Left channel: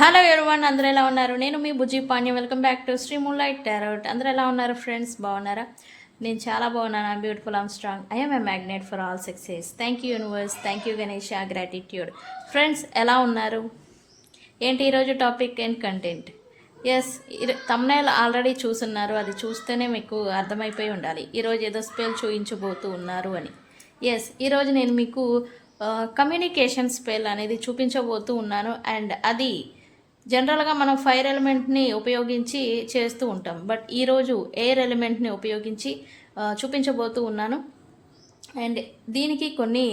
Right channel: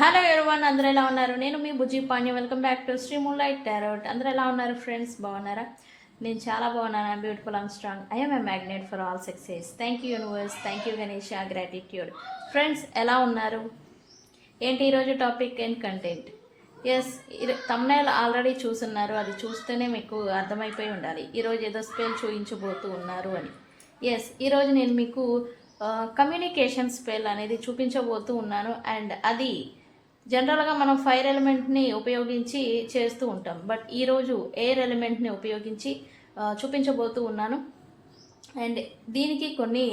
Hello everyone, అందరూ ఎలా ఉన్నారు? నేను మీ Bujji Panyam. Welcome back to Sri moonlight tarot. అందరూ ఎలా ఉన్నారు ఫ్రెండ్స్? బాగున్నారా? నేను చాలా బాగున్నాను. Beautiful, I'm strong, I'm a magnet for all success. Thank you universe, thank you Ganesha, gratitude. Friends ఎలా ఉన్నారు? ఏంటి ఈరోజు topic and content? Yes, thumbnail already చూస్తున్నారు. అది చూస్తేనే మీకు అర్థమైపోయి ఉండాలి ఈరోజు ఏదో స్పెల్ చూపించబోతూ ఉన్నారు అని. ఎస్, ఈరోజు నేను మీకు కమ్యూనికేషన్ స్పెల్ అనేది చూపించబోతూ ఉన్నాను. అండ్ అది జనరల్గా మనం ఫైర్ ఎలిమెంట్ని ఉపయోగించి చేస్తూ ఉంటాం. బట్ ఈరోజు ఎయిర్ ఎలిమెంట్ని ఉపయోగించి చూపించబోతూ ఉన్నాను. అండ్ దీనికి కొన్ని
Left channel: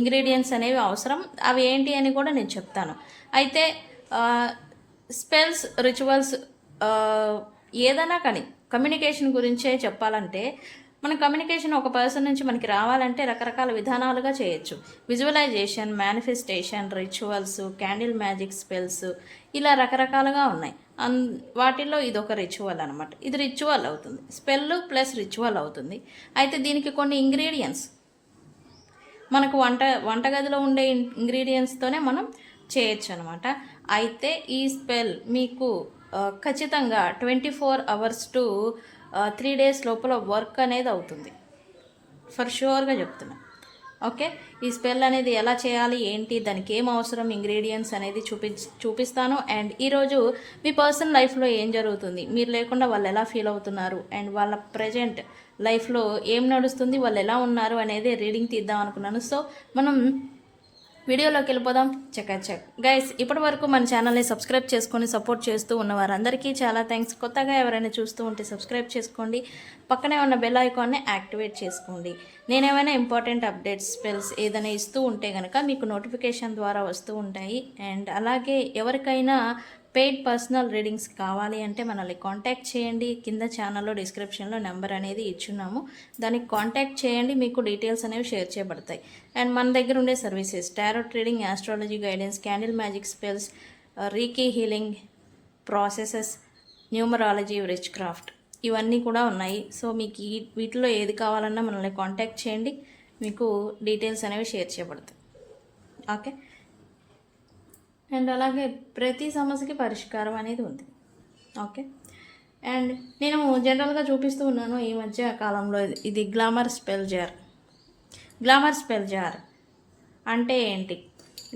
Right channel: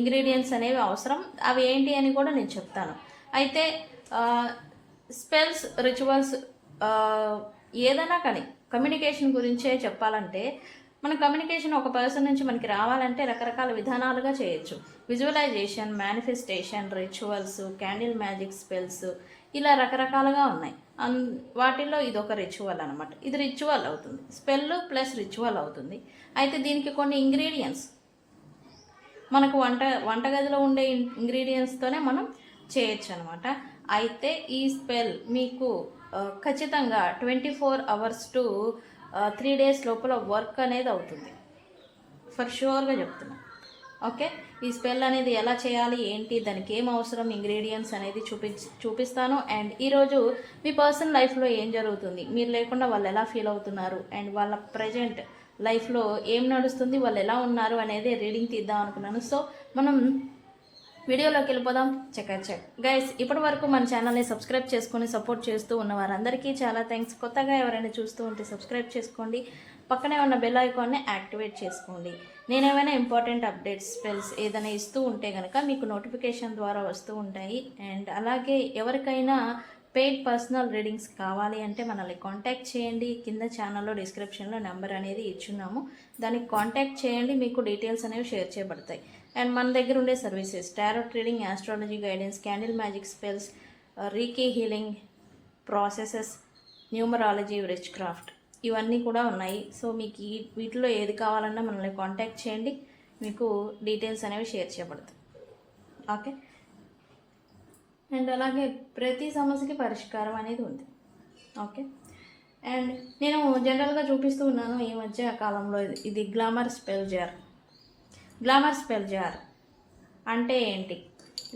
ఇంగ్రీడియంట్స్ అనేవి అవసరం. అవి ఏంటి అని కూడా నేను చెప్తాను. అయితే స్పెల్స్, రిచువల్స్ ఏదైనా కానీ కమ్యూనికేషన్ గురించే చెప్పాలంటే, మన కమ్యూనికేషన్ ఒక పర్సన్ నుంచి మనకి రావాలంటే రకరకాల విధానాలుగా చేయొచ్చు. Visualisation, manifestation, rituals, candle magic spells, ఇలా రకరకాలుగా ఉన్నాయి. వాటిల్లో ఇది ఒక రిచువల్ అనమాట. ఇది రిచువల్ అవుతుంది, స్పెల్ ప్లస్ రిచువల్ అవుతుంది. అయితే దీనికి కొన్ని ఇంగ్రీడియంట్స్ మనకు వంటగదిలో ఉండే ఇంగ్రీడియంట్స్తోనే మనం చేయొచ్చు అనమాట. అయితే ఈ స్పెల్ మీకు ఖచ్చితంగా 24 hours టు 3 days లోపల వర్క్ అనేది అవుతుంది. ఫర్ షూర్గా చెప్తున్నా. ఓకే, ఈ స్పెల్ అనేది ఎలా చేయాలి, ఏంటి, దానికి ఏం అవసరం, ఇంగ్రీడియంట్స్ అనేది చూపిస్తాను. అండ్ ఈరోజు మీ పర్సనల్ లైఫ్లో ఏం జరుగుతుంది, మీరు లేకుండా వాళ్ళు ఎలా ఫీల్ అవుతున్నారు, అండ్ వాళ్ళ ప్రజెంట్ లైఫ్లో ఏం నడుస్తుంది, వాళ్ళు ఎలా ఉన్నారు అనేది రీడింగ్ తీద్దాం అనుకున్నాను. సో మనం వీడియోలోకి వెళ్ళిపోదాం. చెక్ గైస్, ఇప్పటి వరకు మన ఛానల్ని సబ్స్క్రైబ్ చేసుకొని సపోర్ట్ చేస్తూ ఉన్న వారందరికీ చాలా థ్యాంక్స్. కొత్తగా ఎవరైనా చూస్తూ ఉంటే సబ్స్క్రైబ్ చేసుకోండి, పక్కనే ఉన్న బెల్ ఐకాన్ని యాక్టివేట్ చేసుకోండి. నేనేమైనా ఇంపార్టెంట్ అప్డేట్స్, స్పెల్స్ ఏదైనా ఇస్తూ ఉంటే కనుక మీకు నోటిఫికేషన్ ద్వారా వస్తూ ఉంటాయి. అండ్ అలాగే ఎవరికైనా పెయిడ్ పర్సనల్ రీడింగ్స్ కావాలి అంటే మనల్ని కాంటాక్ట్ చేయండి. కింద ఛానల్లో డిస్క్రిప్షన్లో నెంబర్ అనేది ఇచ్చున్నాము, దానికి కాంటాక్ట్ చేయండి. మీకు డీటెయిల్స్ అనేవి షేర్ చేయబడతాయి. అండ్ మన దగ్గర ఉండే services tarot reading, astrology guidance, candle magic spells, reiki healing processes, numerology, rich craft, ఇవన్నీ కూడా ఉన్నాయి. సో మీకు వీటిలో ఏది కావాలన్నా మనల్ని కాంటాక్ట్ చేయండి, మీకు డీటెయిల్స్ అనేవి షేర్ చేయబడతాయి. ఓకే, అండ్ అలాగే ప్రతి సమస్యకి పరిష్కారం అనేది ఉంది. ఓకే, అండ్ నేను జనరల్గా చూపిస్తూ ఉన్నాను ఈ మధ్య కాలంలో. ఇది glamour spell jar. Glamour spell jar అంటే ఏంటి?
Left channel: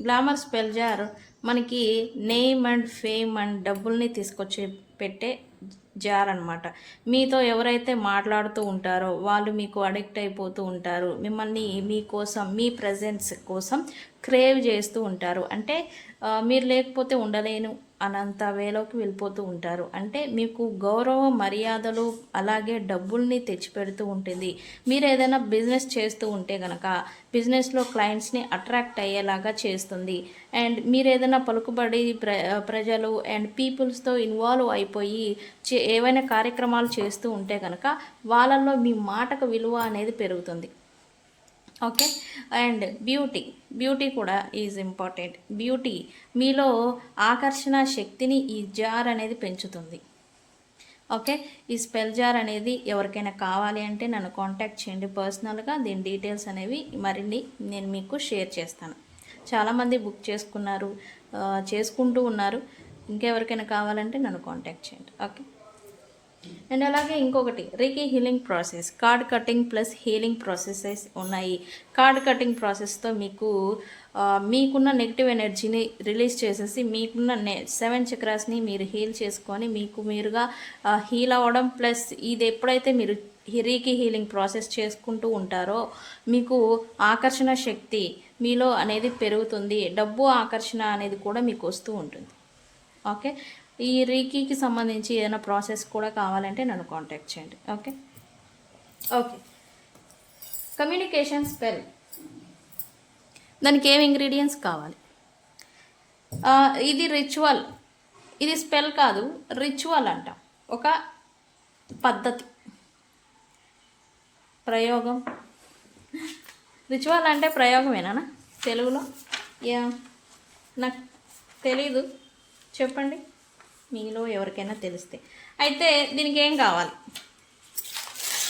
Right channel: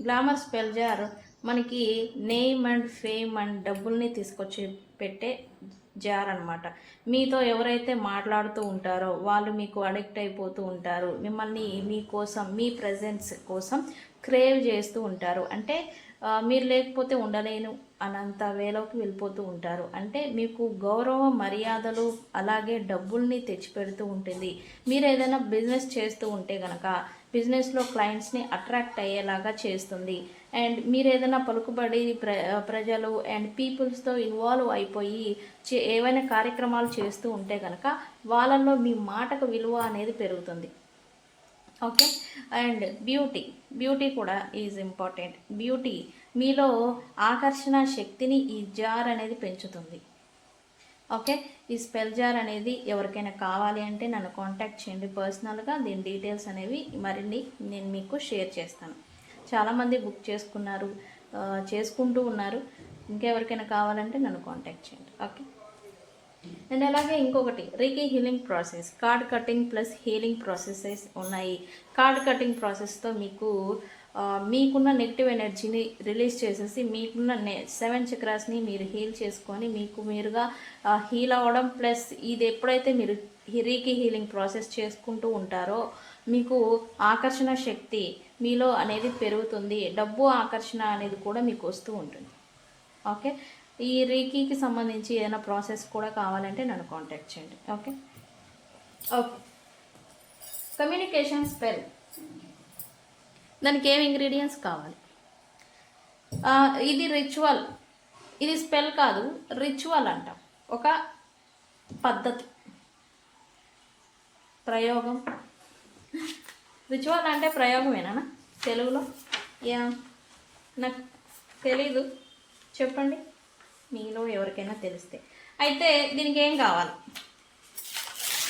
గ్లామర్ స్పెల్ జార్ మనకి నేమ్ అండ్ ఫేమ్ అండ్ డబ్బుల్ని తీసుకొచ్చి పెట్టే జార్ అనమాట. మీతో ఎవరైతే మాట్లాడుతూ ఉంటారో వాళ్ళు మీకు అడిక్ట్ అయిపోతూ ఉంటారు, మిమ్మల్ని మీకోసం, మీ ప్రజెన్స్ కోసం క్రేవ్ చేస్తూ ఉంటారు. అంటే మీరు లేకపోతే ఉండలేను అనంత వేలోకి వెళ్ళిపోతూ ఉంటారు. అంటే మీకు గౌరవం, మర్యాదలు, అలాగే డబ్బుల్ని తెచ్చిపెడుతూ ఉంటుంది. మీరు ఏదైనా బిజినెస్ చేస్తూ ఉంటే కనుక బిజినెస్లో క్లయింట్స్ని అట్రాక్ట్ అయ్యేలాగా చేస్తుంది. అండ్ మీరు ఏదైనా పలుకుబడి ప్రజలు అండ్ పీపుల్స్తో ఇన్వాల్వ్ అయిపోయి ఏవైనా కార్యక్రమాలు చేస్తూ ఉంటే కనుక వాళ్ళల్లో మీ మాటకు విలువ అనేది పెరుగుతుంది. ఓకే, అండ్ బ్యూటీ కూడా ఈజ్ ఇంపార్టెంట్. బ్యూటీ మీలో ఆకర్షణ శక్తిని ఈ జార్ అనేది పెంచుతుంది. ఓకే, ఈ స్పెల్ జార్ అనేది ఎవరికైనా కావాలి అంటే నన్ను కాంటాక్ట్ చేయండి పర్సనల్గా. దీని డీటెయిల్స్ అనేవి మరిన్ని నేను మీకు షేర్ చేస్తాను. చాలామంది బుక్ చేసుకున్నారు, చేసుకుంటూ ఉన్నారు. ఇంకెవరికైనా కావాలంటే నన్ను కాంటాక్ట్ చేయండి. ఓకే, అండ్ అలాగే ఇంకొకటి reiki healing process, card cutting plus healing processes ఉన్నాయి. కార్డ్ కటింగ్ ప్రాసెస్తో మీకున్న నెగిటివ్ ఎనర్జీని రిలీజ్ చేసేసి మీకున్న 7 చక్రాస్ని మీరు హీల్ చేసుకొని మీకు మీరుగా హీల్ అవ్వడం. ప్లస్ ఇది ఎప్పుడైతే మీరు రీకీ హీలింగ్ ప్రాసెస్ చేసుకుంటూ ఉంటారో మీకు ఆకర్షణ శక్తి మీలో అనేది పెరుగుతుంది. డబ్బు ఆకర్షణ అనేది కూడా మీకు వస్తూ ఉంటుంది. ఓకే, ఈ రీకీకి సంబంధించి ఏదైనా ప్రాసెస్ కూడా కావాలంటే నన్ను కాంటాక్ట్ చేయండి. ఓకే, కమ్యూనికేషన్ స్పెల్, దానికి ఏం ఇంగ్రీడియంట్స్ కావాలి? ఇది రిచువల్, ఇది స్పెల్ కాదు, రిచువల్ అంట. ఒక పద్ధతి, ప్రయోగం. రిచువల్ అంటే ప్రయోగమేనా తెలుగులో? నాకు తెలీదు, చెప్పండి మీలో ఎవరికైనా తెలిస్తే. అయితే దీనికి ఏం కావాలి?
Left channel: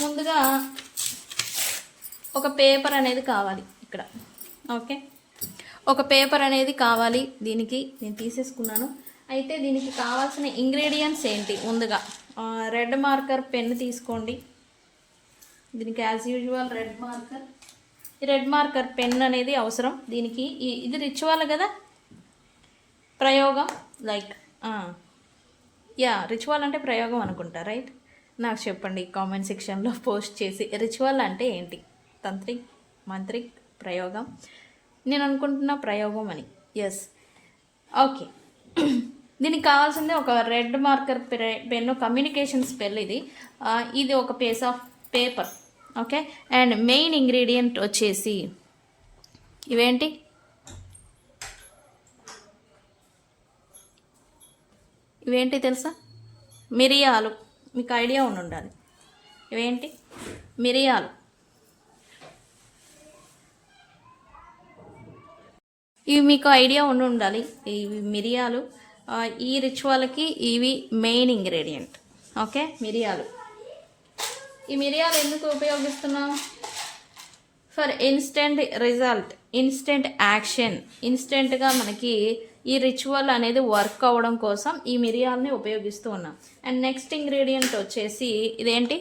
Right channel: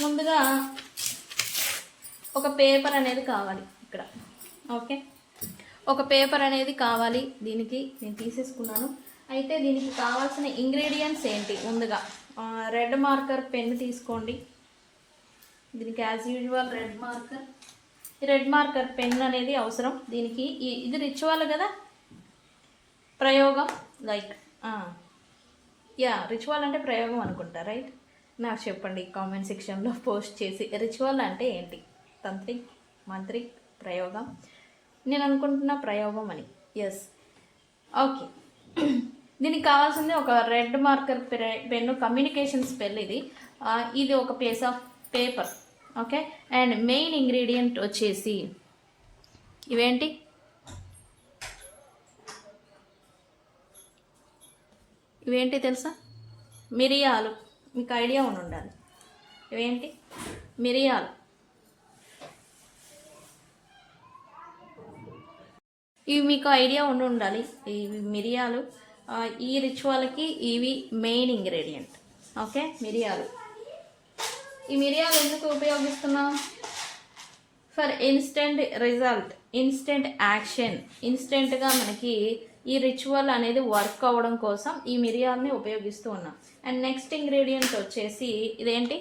ముందుగా ఒక పేపర్ అనేది కావాలి ఇక్కడ. ఓకే, ఒక పేపర్ అనేది కావాలి దీనికి, నేను తీసేసుకున్నాను. అయితే దీనికి కావాల్సిన ఇంగ్రీడియంట్స్ ఏంటి? ముందుగా రెడ్ మార్కర్ పెన్ తీసుకోండి. దీనికి యాజ్ యూజువల్ రెడ్ మార్కర్, ఈ రెడ్ మార్కర్ పెన్ అనేది అవసరం దీనికి. ఇది రిచువల్ కదా, ప్రయోగం, లైక్ రిచువల్ అంటే ప్రయోగం అనుకుంటా, రైట్? నాకు చెప్పండి కామెంట్ సెక్షన్లో పోస్ట్ చేసి, రిచువల్ అంటే ఏంటి? తంత్రిక్, మంత్రిక్, ప్రయోగం. నేను అనుకుంటున్న ప్రయోగం అని. Yes, okay. దీనికి కావాల్సింది ఒక red marker pen, communication spell ఇది. ఇది ఒక piece of paper, okay. And main ingredient వచ్చేసి ఇవేంటి? ఇవేంటి తెలుసా? మిరియాలు. మీకు ఐడియా ఉండాలి ఇవేంటి? మిరియాలు. ఇవి మీకు ఐడియా ఉండాలి. ఇవి మిరియాలు. ఈ రిచువల్కి ఇవి మెయిన్ ఇంగ్రీడియంట్, ఓకే. మిరియాలు. ఈ మిరియాలు ఎందుకు ఉపయోగిస్తున్నాం? For instant result, instant action, ఇన్స్టెంట్గా మనకి ఈ రిచువల్ అనేది వర్క్ అవ్వడం కోసం ఈ మిరియాలని ఉపయోగిస్తూ ఉన్నాం. అండ్ నెక్స్ట్ ఇంగ్రీడియంట్ వచ్చేసి ఇదేంటి?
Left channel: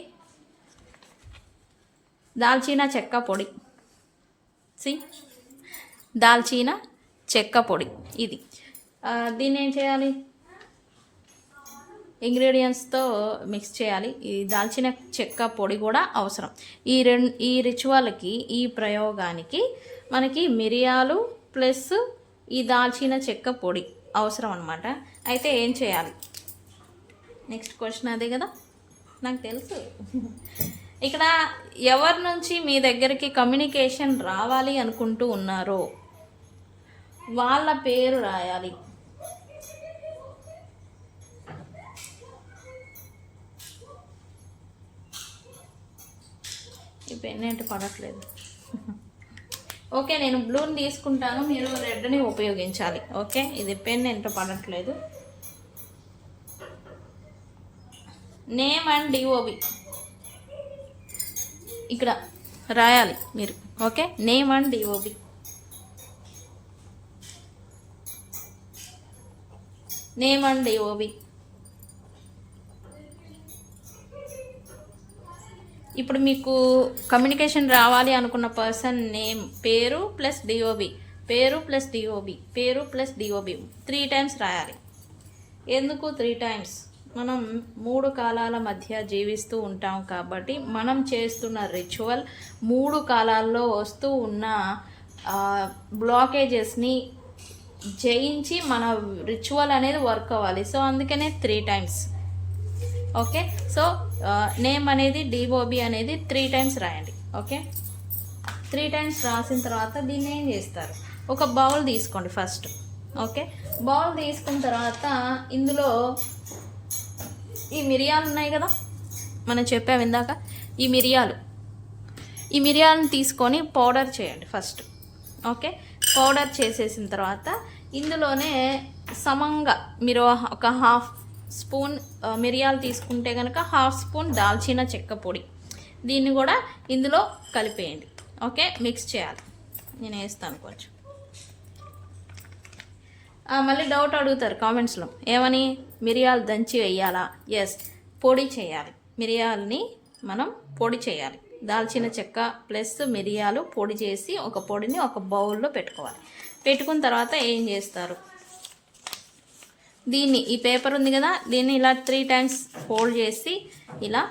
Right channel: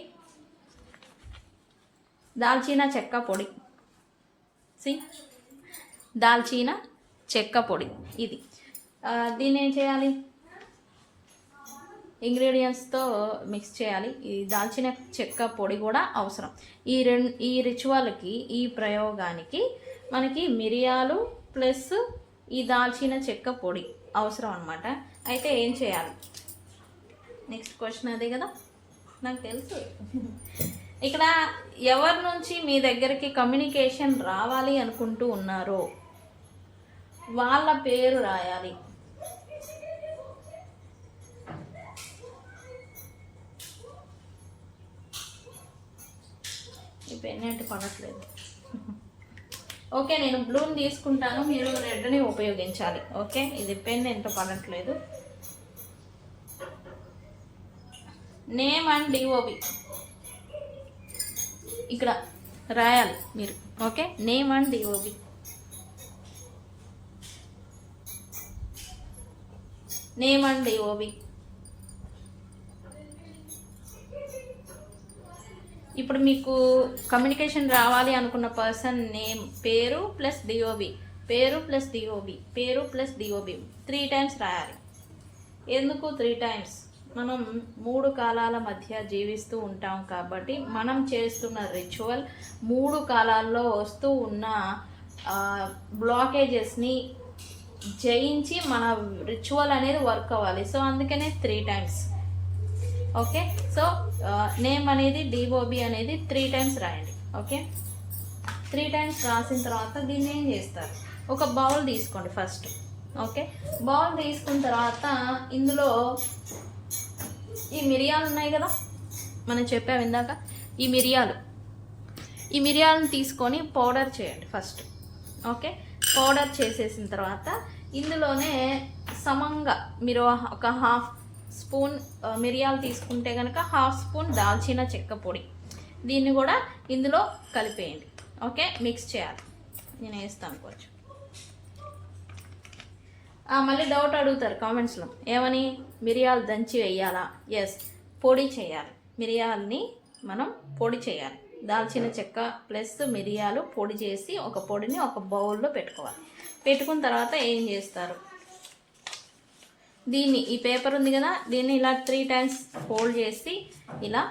దాల్చిన చెక్క పొడి. దాల్చిన చెక్క పొడి ఇది. దీన్ని ఏం చేయాలి? ఇంగ్రీడియంట్స్తో మిక్స్ చేయాలి. ఈ దాల్చిన చెక్క పొడి కూడా అవసరం. ఈ రిచువల్కి, ఈ ప్రయోగానికి మనకి మిరియాలు ప్లస్ ఈ దాల్చిన చెక్క పొడి అవసరం అన్నమాట. అయితే ఏం చేయాలి? నెక్స్ట్ క్వశ్చన్ అదే కదా, నాకు తెలుసు. ఇక్కడ ఎవరి నుంచి మీ దగ్గరికి కమ్యూనికేషన్ రావాలి అనుకుంటూ ఉన్నారో వాళ్ళ పేరు రాయాలి. ఈ పెన్ ఏంటి పడట్లేదు? ఓకే, నేను బ్లూని తీసుకుంటాను, మీరు రెడ్ని ఉపయోగించాలి. ఓకే, ఇది పెన్ ఎంత పడట్లేదు. నేమ్ అండ్ డిఓబి ఇక్కడ రాయాలి మీరు, okay. Name and DOB. Name and DOB. ఇప్పుడు మీకు కమ్యూనికేషన్ రావాలి అనుకున్న పర్సన్ నేమ్, పేరు ప్లస్ డిఓబి, పేరు ప్లస్ డిఓబి, పేరు ప్లస్ డిఓబి 3 టైమ్స్ రాయాలి. ఎందుకు 3 టైమ్స్? మనం 3 కాలాల మధ్య జీవిస్తూ ఉంటాం కాబట్టి మనం చేస్తున్న రిచువల్ 3 కాలాల్లో వస్తూ ఉన్న బ్లాకేజెస్ని జయించి మన రిచువల్ అనేది వర్క్ అవ్వాలి. సో అందుకనే 3 టైమ్స్, ఓకే. సో నేమ్ అనేది, డిఓబి అనేది 3 టైమ్స్ రాయండి, ఓకే. 3 టైమ్స్ రాసిన తర్వాత దీన్ని ఏం చేస్తారు? ఒక బౌల్ తీసుకోండి ఫస్ట్, ఓకే. బౌల్ తీసుకున్న తర్వాత ఇందులో ఈ మిరియాలు ఉన్నాయి కదా, మనం చెప్పాము ఇందాక. ఈ మిరియాలను తీసుకొని పౌడర్ చేయండి ఫస్ట్, ఓకే. పౌడర్ చేసేసిన తర్వాత ఇందులోనే సమంగా మీరు ఒక 1/2 స్పూన్ మిరియాలు తీసుకుంటే కనుక 1/2 స్పూన్ దాల్చిన చెక్క పొడి, దీన్ని కూడా ఇందులో కలిపేయండి, ఓకే. మిక్స్ చేయాలి. నేను వేస్తాను కొంచెం. మళ్ళీ డౌట్ అడుగుతారు కామెంట్స్లో, ఏమని? మిరియాలు దంచి వేయాలా? ఎస్, పొడి చేయాలి. మిరియాలని మనం పొడి చేయాలి. దాల్చిన చెక్క ప్లస్ మిరియాలు పొడి చేసి ఒక పొడిని ఒక బౌల్లో పెట్టుకోవాలి. పెట్టుకున్న తర్వాత ఏం చేస్తారు? దీన్ని, ఈ పేపర్ ఉంది కదా, దీన్ని ఇలా 3 టైమ్స్ ఫోల్డ్ చేసి ఇలా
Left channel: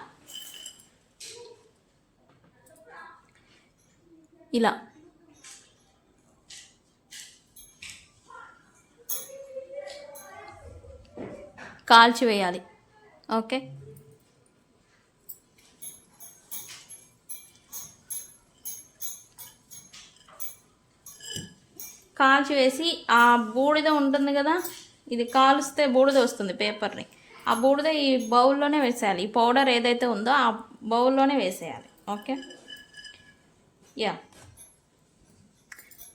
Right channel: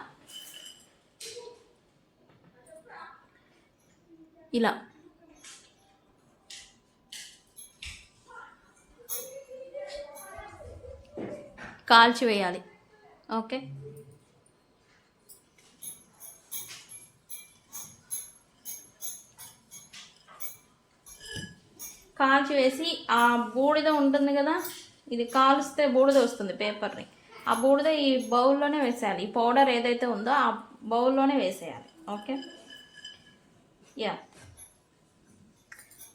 కాల్చివేయాలి, ఓకే. కాల్చివేసి ఆ బూడిద ఉంటుంది కదా, ఇది కాలుస్తే బూడిద వస్తుంది పేపర్ని, ఆ బూడిద ఈ బౌల్లోనే వేసేయాలి. ఈ పౌడర్ ఏదైతే ఉందో ఆ బౌల్లోనే వేసేయాలి, ఓకే. యా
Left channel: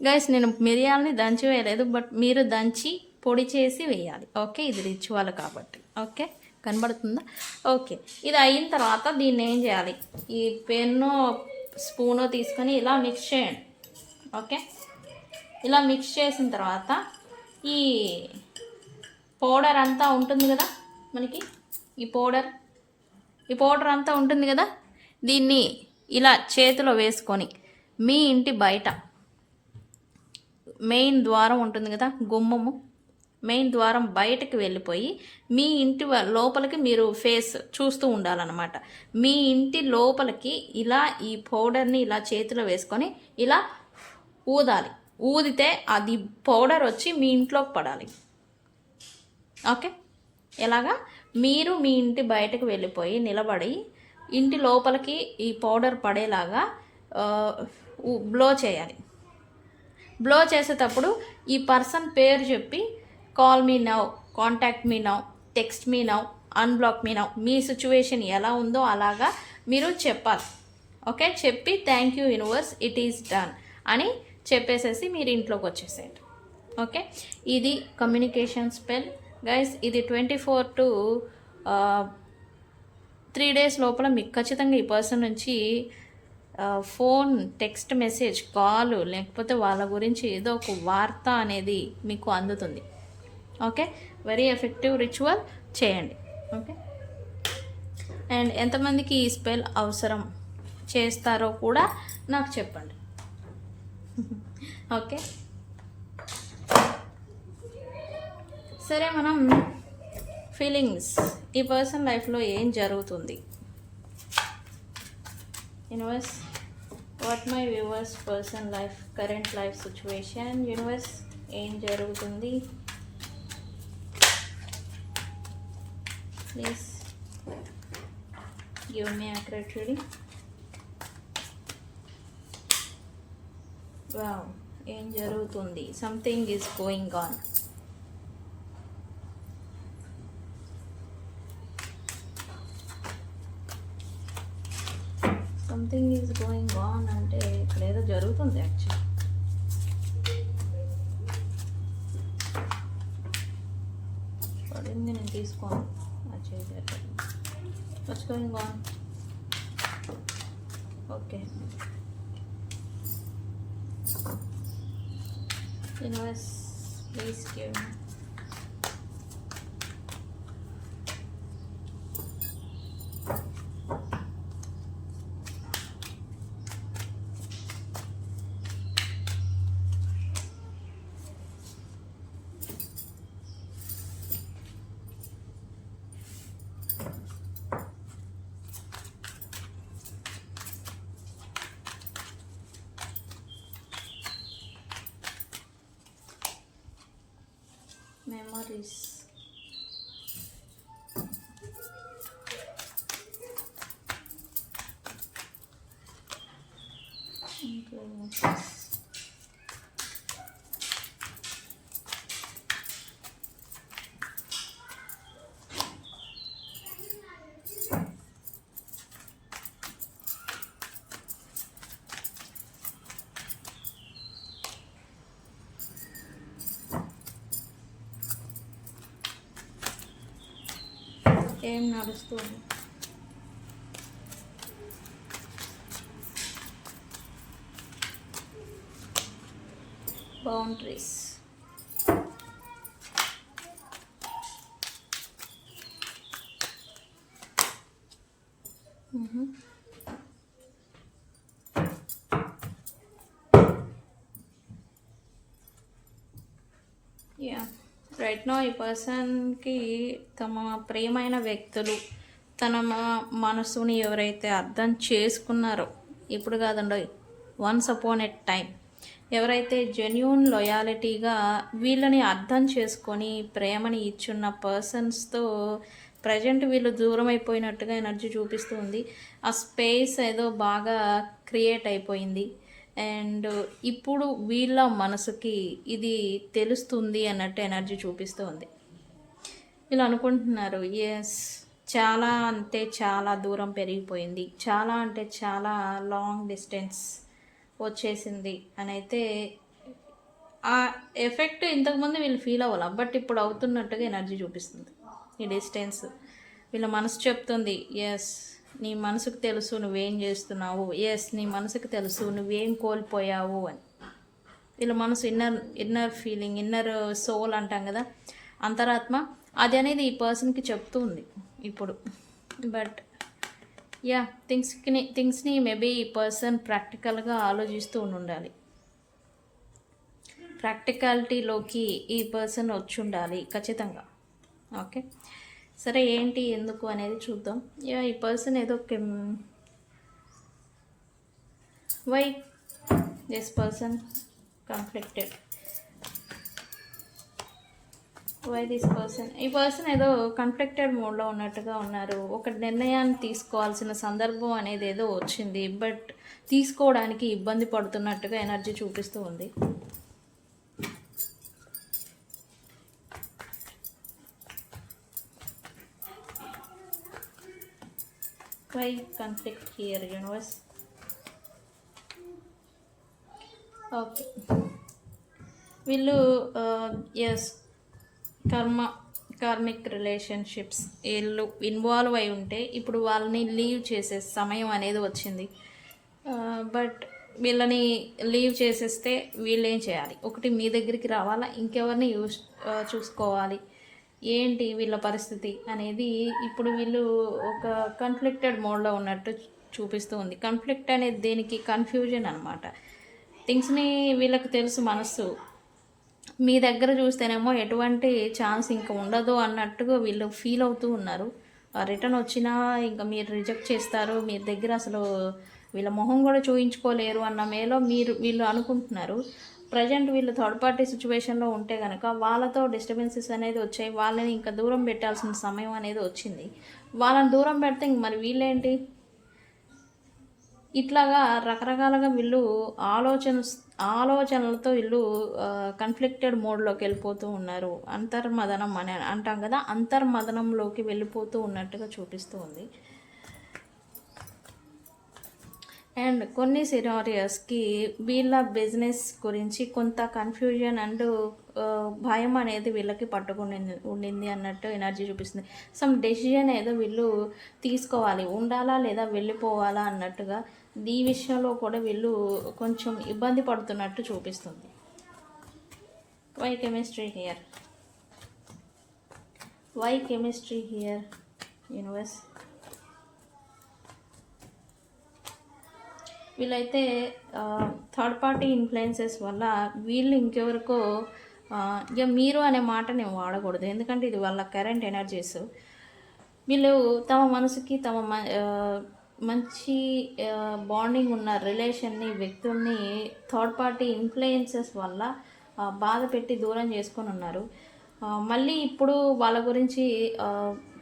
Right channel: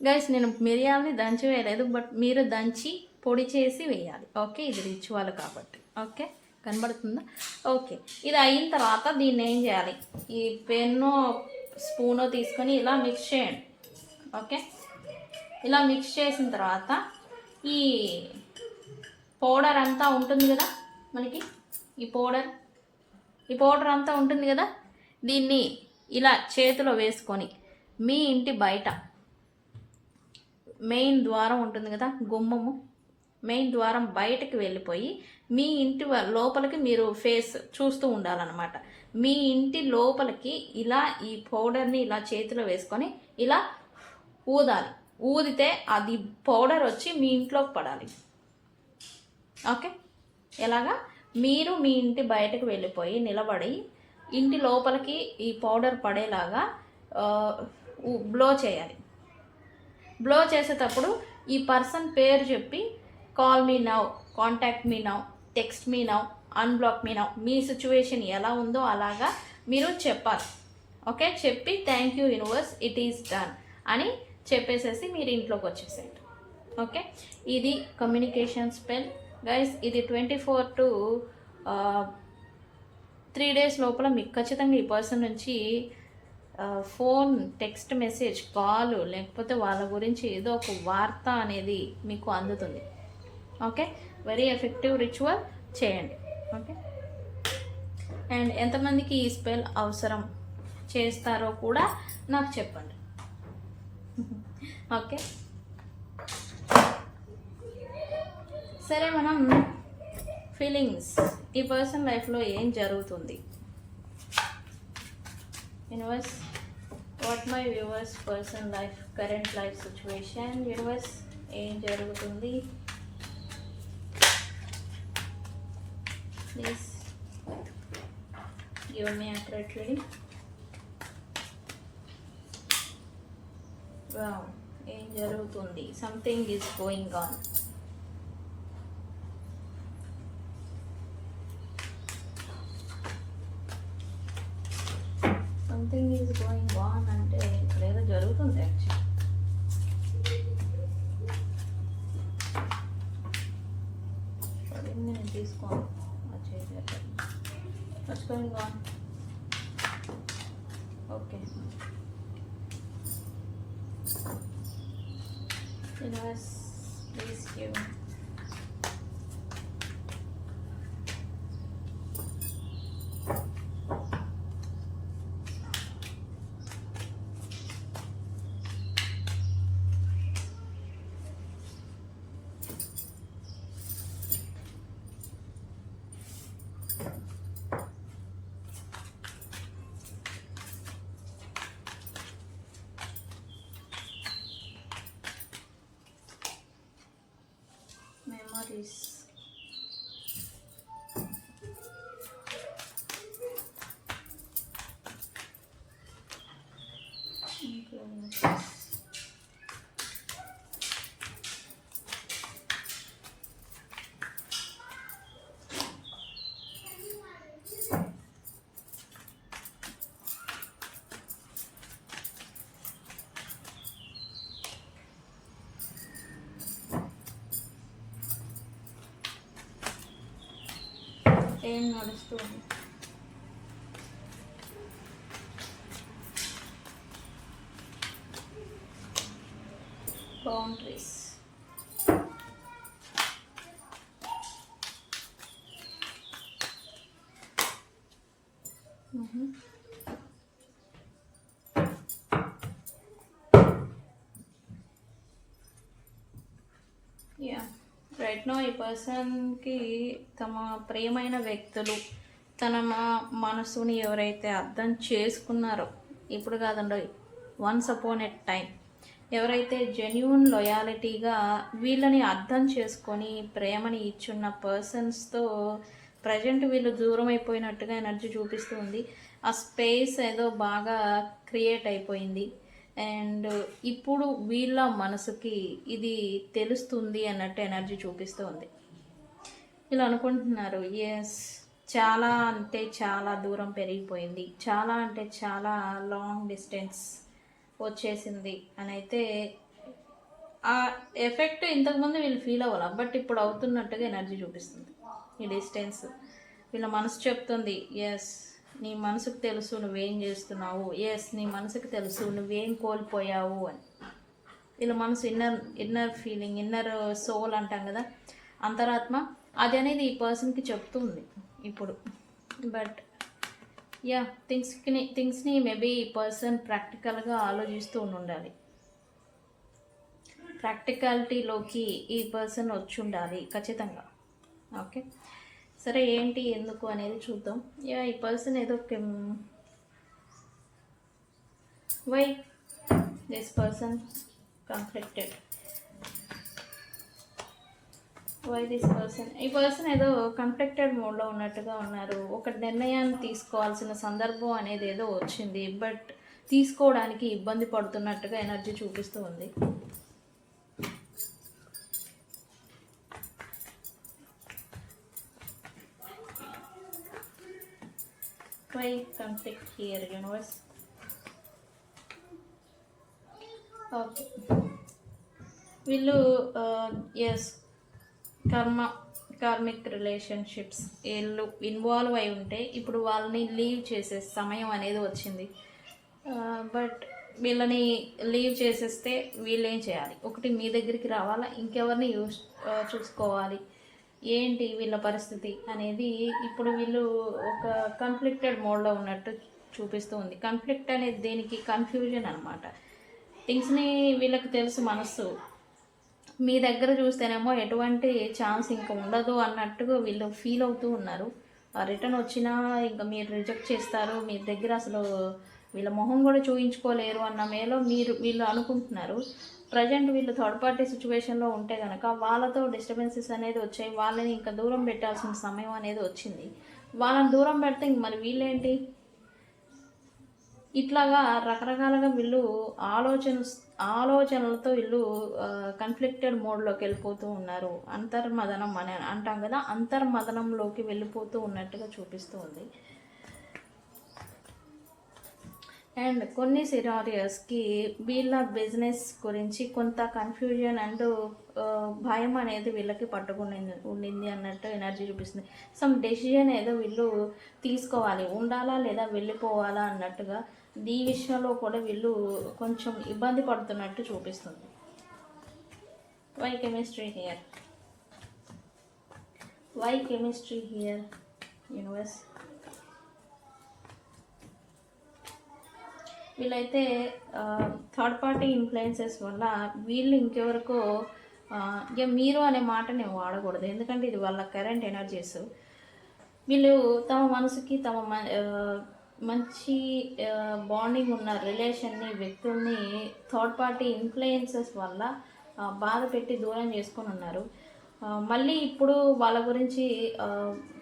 గైస్, నేను మిరియాలని దంచి వేయలేదు, బట్ మీరు దంచి పొడి చేసి వేయాలి, ఓకే. ఇది రిచువల్ కాబట్టి, ఓకే. కనబడుతుందా? ఓకే. ఇది అయిన తర్వాత దీన్ని ఏం చేయాలి? ఈ పెన్ను స్పూను తీసుకొని ఇలా మిక్స్ చేయండి, ఓకే. ఇలా మిక్స్ చేసిన తర్వాత ఈ పౌడర్ అంతా ఉంటుంది కదా మనకి, ఈ పౌడర్ అంతా ఉంటుంది కదా, దీన్ని ఇలా చేతిలో వేసుకొని మీ ఇంటి బయట మెయిన్ ద్వారం ఉంటుంది కదా, గుమ్మము, మెయిన్ ద్వారం బయటకు వెళ్ళిపోయి మీ ఇంటి లోపలికి మీరు ఫేస్ చూస్తూ ఉండాలన్నమాట. మీ ఇంటి లోపలికి ఇలా ఈ పౌడర్ని ఇలా చేతిలో వేసుకొని ఇలా ఊదాలి. ఊదితే అది పౌడర్ వచ్చి మీ ఇంట్లోకి పడాలి. ఓకే, ఎలాగా మీరు మీ ఇంటి బయటకు వెళ్ళిపోయి నిలబడి ఇంటి లోపలికి ఈ పౌడర్ పడేలాగా బ్లో చేయాలి. బ్లో చేసేటప్పుడు ఈ పర్సన్ పేరు చెప్పి call me now, contact me now, text me now, unblock me now, మీ సిచ్యువేషన్ ఎలా ఉందో అలాగా మీరు చెప్పాలి. ఓకే, చెప్పి thank you universe, it is done అని చెప్పేసేసి మీరు ఇంట్లోకి వచ్చేసేయండి. ఓకే, ఇది కమ్యూనికేషన్ స్పెల్ గైస్. ఇది 24 to 3 days లోపల మీకు ఖచ్చితంగా ఈ పర్సన్ నుంచి ఫోన్, టెక్స్ట్ మెసేజ్, కాల్, లేకపోతే వాళ్ళ గురించి ఏదో ఒక వార్త అనేది మీకు అందుతుంది. ఓకే, వెరీ ఎఫెక్టివ్ రిచువల్ చేయండి. ఓకే, అండ్ ఎంతమందికి ఈ స్పెల్ అవసరం చేస్తారో కూడా నాకు చెప్పండి. ఓకే, సరే, మనం ఫీలింగ్స్, ఈ పర్సన్ లైఫ్లో ఏం జరుగుతుంది, universe, what my viewers person life, current life situation, universe ఏం జరుగుతుంది, please give me accurate reading. Wow, ఏం జరుగుతుంది, something is going on. Something is going on అంటే ఇక్కడ ఏదో జరుగుతుంది యాక్చువల్లీ. పడింది, నేను తీసుకోను. What's going on? Okay, universe please give me. Memories. ఏం నడుస్తుంది? బౌండరీస్. యా, రైట్ నో ఈ పర్సన్కి తమ ప్రియమైన వ్యక్తులు, తన మనసుని ఎవరైతే అర్థం చేసుకున్నారో, ఇప్పుడు కాదండి, వన్స్ అపాన్ ఎ టైం, ఎవరైతే జెన్యూన్ లాయాలిటీగా వీళ్ళని అర్థం చేసుకొని ప్రేమని ఇచ్చున్న పర్సన్స్తో ప్రజెంట్ వీళ్ళు దూరం అయిపోయినట్టుగా ఎనర్జీ చూపిస్తుంది. ఆ స్పేస్ ఏదో బాగా క్రియేట్ అయిపోయింది. అండ్ ఇప్పుడు వీళ్ళ మనసుకి ఇది తెలుస్తుంది అన్నట్టు ఎనర్జీ చూపిస్తూ ఉంది. వీళ్ళు అనుకుంటున్నారు, ఎస్, చాలా అంటే చాలా దూరం పెరిగిపోయింది, చాలా అంటే చాలా లాంగ్ డిస్టెన్స్ వచ్చేసింది అని అయితే ఆ ఎఫెక్ట్ ఇంతకుముందు వీళ్ళు ఫీల్ అవ్వాలి, బట్ ఇప్పుడు అవుతున్నట్టుగా ఎనర్జీ చూపిస్తుంది. ఈ డిస్టెన్స్ వీళ్ళ మనసు చెప్తుంది, ఎస్, నీ మనసుకు తెలుసు నువ్వేం చేస్తున్నావు, ఎస్, నీ మనసుకు తెలుసు నువ్వేం కోల్పోయావు అని. వీళ్ళ మనసు ఇన్నర్ ఫీలింగ్, ఇన్నర్ సోల్ అంటాం కదా, అంతరాత్మ, అది అనేది ఈ పర్సన్కి చెప్తుంది ఇప్పుడు. బట్ యా, థింగ్స్ని మేబీ ఈ పర్సన్ ప్రాక్టికల్గా ఆలోచిస్తూ ఉండాలి. ప్రాక్టికాలిటీలోకి ఈ పర్సన్ వచ్చి ఉండాలి ఖచ్చితంగా. ఓకే, సరే ఏంటి ఎందుకు అనేది చూద్దాం. యా, ఈ పర్సన్ ఏదో why this person conflicted, why this person, ఈ పర్సన్ ఏదో కాన్ఫ్లిక్టెడ్ మోడ్లో ఉన్నట్టుగా ఉన్నారు. ఒక నిర్ణయాన్ని తీసుకోవాల్సిన సందర్భం అనేది ఏదో వచ్చింది, బట్ తీసుకోవడానికి ఇబ్బంది పడుతున్నట్టుగా ఎనర్జీ చూపిస్తూ ఉంది. Why conflict here universe? Okay, వీళ్ళు ఎస్ కార్మిక్ రిలేషన్షిప్స్ వీళ్ళు ఇన్వాల్వ్ అయి ఉంటే ఇప్పుడు వాళ్ళని లీవ్ చేసే సమయం అనేది వచ్చింది. బట్ వీళ్ళని లీవ్ చేసేస్తే వీళ్ళు ఏం చేయాలి? ఒకటి మీ దగ్గరికి రావాలా, ఇంకెవరిని చూసుకోవాలి, ఏంటి వీళ్ళ పరిస్థితి అనేది ఇప్పుడు వీళ్ళు ఒక కన్ఫ్లిక్టెడ్ మోడ్లో ఉన్నట్టు చూపిస్తూ ఉంది. కన్ఫ్లిక్ట్ అనేది దేనికి? కన్ఫ్యూజన్ అనమాట. థింగ్స్ని వీళ్ళకి తెలుసు మనస్సు, మీ దగ్గర చూస్తేనేమో ఎటువంటి ఛాన్స్ ఇంకా ఉండదు అన్నట్టుగా వీళ్ళు ఫీల్ అవుతూ ఉన్నారు. రిటర్న్ వచ్చినా ఇంకా మీరు రిజెక్ట్ చేస్తారు, మీ దగ్గర అసలు వీళ్ళ మొహం కూడా చూయించుకోలేరు అన్న మేలో వీళ్ళు అనుకుంటున్నారు. ప్రజెంట్ వీళ్ళు థర్డ్ పార్టీ సిచ్యువేషన్లో ఉంటే కనుక వాళ్ళతో డిస్టర్బెన్సెస్ అనేది వచ్చాయి, వాళ్ళని ఇంకా దూరం పెట్టాల్సిన సమయం అనేది వచ్చింది. వాళ్ళని దూరం పెడితే ఇంక మరి వీళ్ళేంటి? ఇట్లాగా రకరకాలుగా వీళ్ళు ఆలోచనలతో వీళ్ళు కన్ఫ్లిక్టెడ్ మోడ్లోకి వెళ్ళిపోతూ ఉన్నారు. అంతర్మదనం అని అంటాం కదా, అంతర్మదనంలోకి వెళ్ళిపోతూ ఉన్నట్టుగా చూపిస్తూ ఉంది. అండ్ కొన్ని సినారియోస్కి వీళ్ళ బిజినెస్ గురించి కొంత కన్ఫ్యూజన్ అండ్ భయం అనేది వీళ్ళకి ఉండింది అన్నట్టు ఎనర్జీ చూపిస్తుంది. సమ్ డెసిజన్ ఏదో వీళ్ళు తీసుకోవాలి, ఉండాలా లేదా వెళ్ళిపోవాలా అన్నట్టుగా ఈ విషయంలో కూడా వీళ్ళు కొంచెం ఇబ్బంది పడుతున్నట్టు చూపిస్తుంది. Why chemistry here? Why chemistry here universe? వీళ్ళైతే థర్డ్ పార్టీ ఇన్ఫ్లుయెన్సెస్ వల్ల వీళ్ళు ఇంకెవరికో ఇక మీరు అనే మాట నేను వాడకూడదు, ఎందుకంటే ఇది వాళ్ళ కరెంట్ ఎనర్జీస్. వీళ్ళు తమ మనసుకి మంచి బాండింగ్ ఉన్న రిలేషన్ని, వ్యక్తుల్ని థర్డ్ పార్టీ ఇన్ఫ్లుయెన్సెస్ వల్ల బాధ పెట్టి దూరం చేసుకొని ఉన్నారు. మళ్ళీ ఇప్పుడు వాళ్ళ గురించి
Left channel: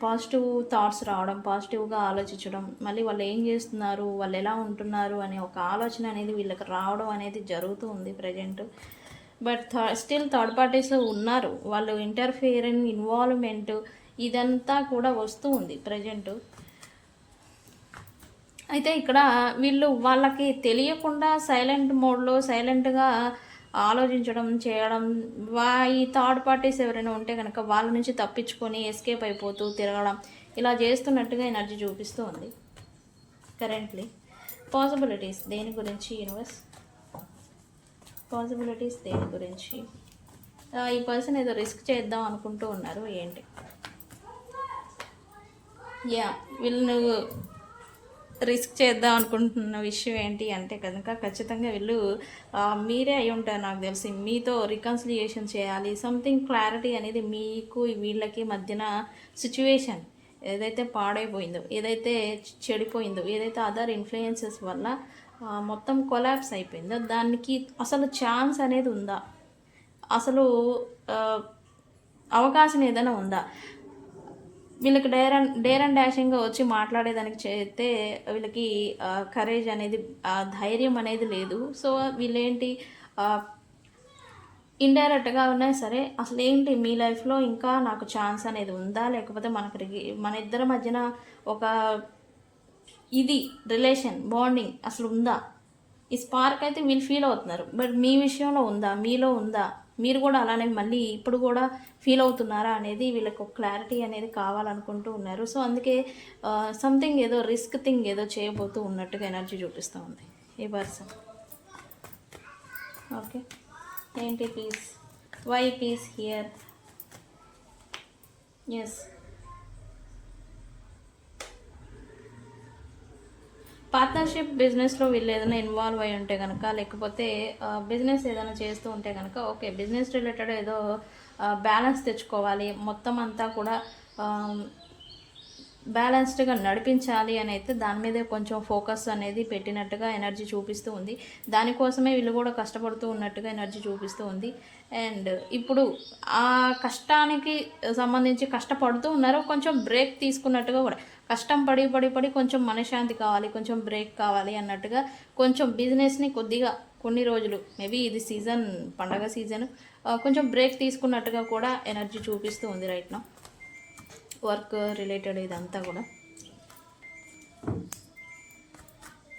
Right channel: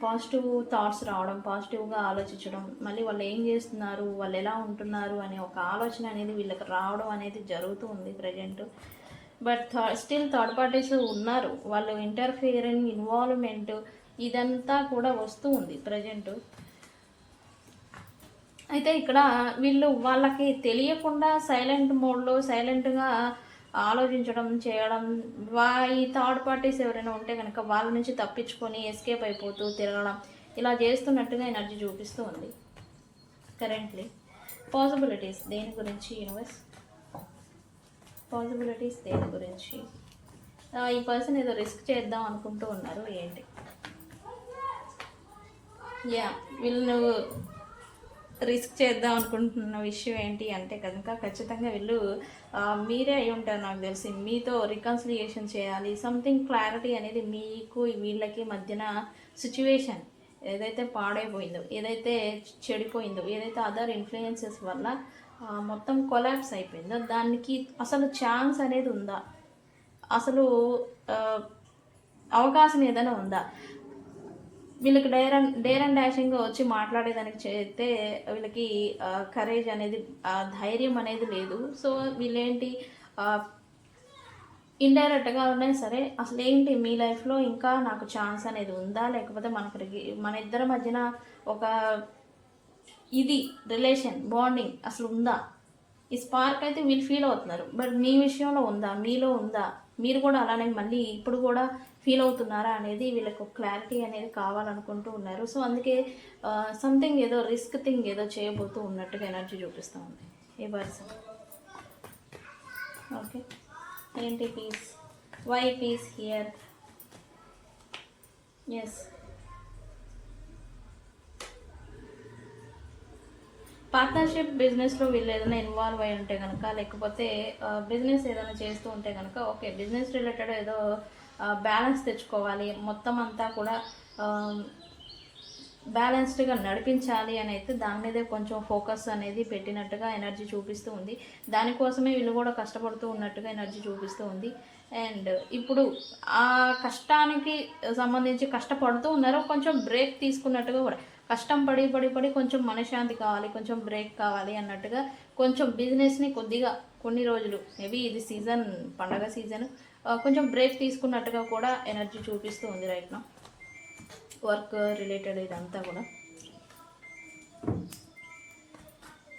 పాజిటివ్ థాట్స్ రావడం, పాజిటివ్గా ఆలోచించడం, మళ్ళీ వాళ్ళు ఏం చేస్తున్నారు, వాళ్ళు ఎలా ఉంటున్నారు అనే ఒక ఆలోచన అనేది వీళ్ళకి రావడం అనేది జరుగుతూ ఉంది present. But still third parties ఉన్నారు, వాళ్ళు ఇంటర్ఫియరింగ్, ఇన్వాల్వ్మెంట్ ఇదంతా కూడా వస్తూ ఉంది ప్రజెంట్. అయితే ఇక్కడ వీళ్ళు వాళ్ళకి తెలియకుండా సైలెంట్ మోడ్లో సైలెంట్గా ఆలోచించడం చేయడం, ఈ థర్డ్ పార్టీస్ ఎవరైనా ఉంటే కనుక వాళ్ళ నుంచి తప్పించుకొని ఎస్కేప్ అయిపోతూ తిరగడం, ఇలా చేస్తున్నట్టుగా ఎనర్జీ చూపిస్తూ ఉంది కరెంట్లీ. పాసిబిలిటీస్ దేని గురించి యూనివర్స్? పాసిబిలిటీస్ దేని గురించి? ఈ పర్సన్ ఏదో రిస్క్ చేద్దాం అనుకుంటూ ఉన్నారు, ఏంటి? యా, వీళ్ళు రిస్క్ చేద్దాం అనుకుంటున్న విషయం ఏంటి అంటే కనుక ఖచ్చితంగా వీళ్ళు మీరే అయి ఉంటారు నాకు తెలిసి. మీతో రికన్సిలియేషన్ చేయాలి, సంథింగ్ క్లారిటీ అనేది మీకు వీళ్ళకి మధ్యన సిచ్యువేషన్ ఏదైతే పాడైపోయిందో, ఏదైతే చెడిపోయిందో, ఏదైతే అదర్ ఇన్ఫ్లుయెన్సెస్ వల్ల మొత్తం కొలాప్స్ అయిపోయిందో దానికి అసలు ఛాన్స్ అనేది ఉందా, అసలు అవకాశం ఏదైనా ఉందా? వీళ్ళకి డేర్ అండ్ డాషింగ్గా వచ్చి మాట్లాడేదానికి చేస్తే వీళ్ళకి కరేజ్ అనేది, ధైర్యం అనేది లేదు. సో వీళ్ళేంటి ఇండైరెక్ట్గా ఉన్నా సరే అసలు ఏంటి మీ లైఫ్లో ఇంకా నాకు ఛాన్స్ అనేది ఉందా, లేకపోతే మన ఇద్దరి మధ్యన ఒక ఇది రిలేషన్ బాండింగ్ అసలు ఉందా, ఈ స్పార్క్ అయితే వీళ్ళు ఫీల్ అవుతున్నారు. బట్ మీ విషయంలో ఉందా, మీలో ఉందా, మీరు కూడా అలానే మళ్ళీ ఇప్పుడు కూడా ఫీల్ అవుతున్నారా అనేది వీళ్ళకి ఒక క్లారిటీ అనేది కావాలనుకుంటూ ఉన్నారు. సో అందుకే సంథింగ్ ఏదో రిస్క్ థింగ్ ఏదో చేయబోతూ ఉన్నట్టుగా ఎనర్జీ చూపిస్తూ ఉంది ఈ పర్సన్. ఓకే, ఏంటి peace? Why peace here? Yes, partnership బిజినెస్లో వీళ్ళు ఏదైనా ఇన్వాల్వ్ అయి ఉంటే కనుక, లేకపోతే బిజినెస్ ఏదైనా చేస్తూ ఉంటే కనుక, ఓకే బిజినెస్ రిలేటెడ్ ఏదో బ్యాలెన్స్ తెచ్చుకోవాలి, మొత్తం అంతా కూడా బ్యాలెన్స్డ్గా నడిపించాలి అని అయితే దాని మీదే కొంచెం ఫోకస్ అనేది పెట్టినట్టుగా ఎనర్జీ చూపిస్తూ ఉంది. దానికోసమే వీళ్ళు కూడా కష్టపడుతూ ఉన్నట్టుగా ఎనర్జీ చూపిస్తూ ఉంది. అండ్ ఇప్పుడు ఆ కష్టానికి సంబంధించి కష్టపడుతూ ఉన్నారు, కొంచెం బ్రేక్ తీసుకున్నట్టుగా కూడా, కష్టం పడి పడి పడి కొంచెం మనశ్శాంతి కావాలి, కొంచెం బ్రేక్ కావాలి అన్నట్టుగా కొంచెం బిజినెస్ని కొద్దిగా కొన్ని రోజులు, మేబీ ఇది సీజన్, పండగ సీజన్, కొంచెం బ్రేక్ తీసుకున్నట్టుగా కూడా ఎనర్జీ చూపిస్తూ ఉంది రైట్ నౌ. వర్క్ రిలేటెడ్ ఇదంతా కూడా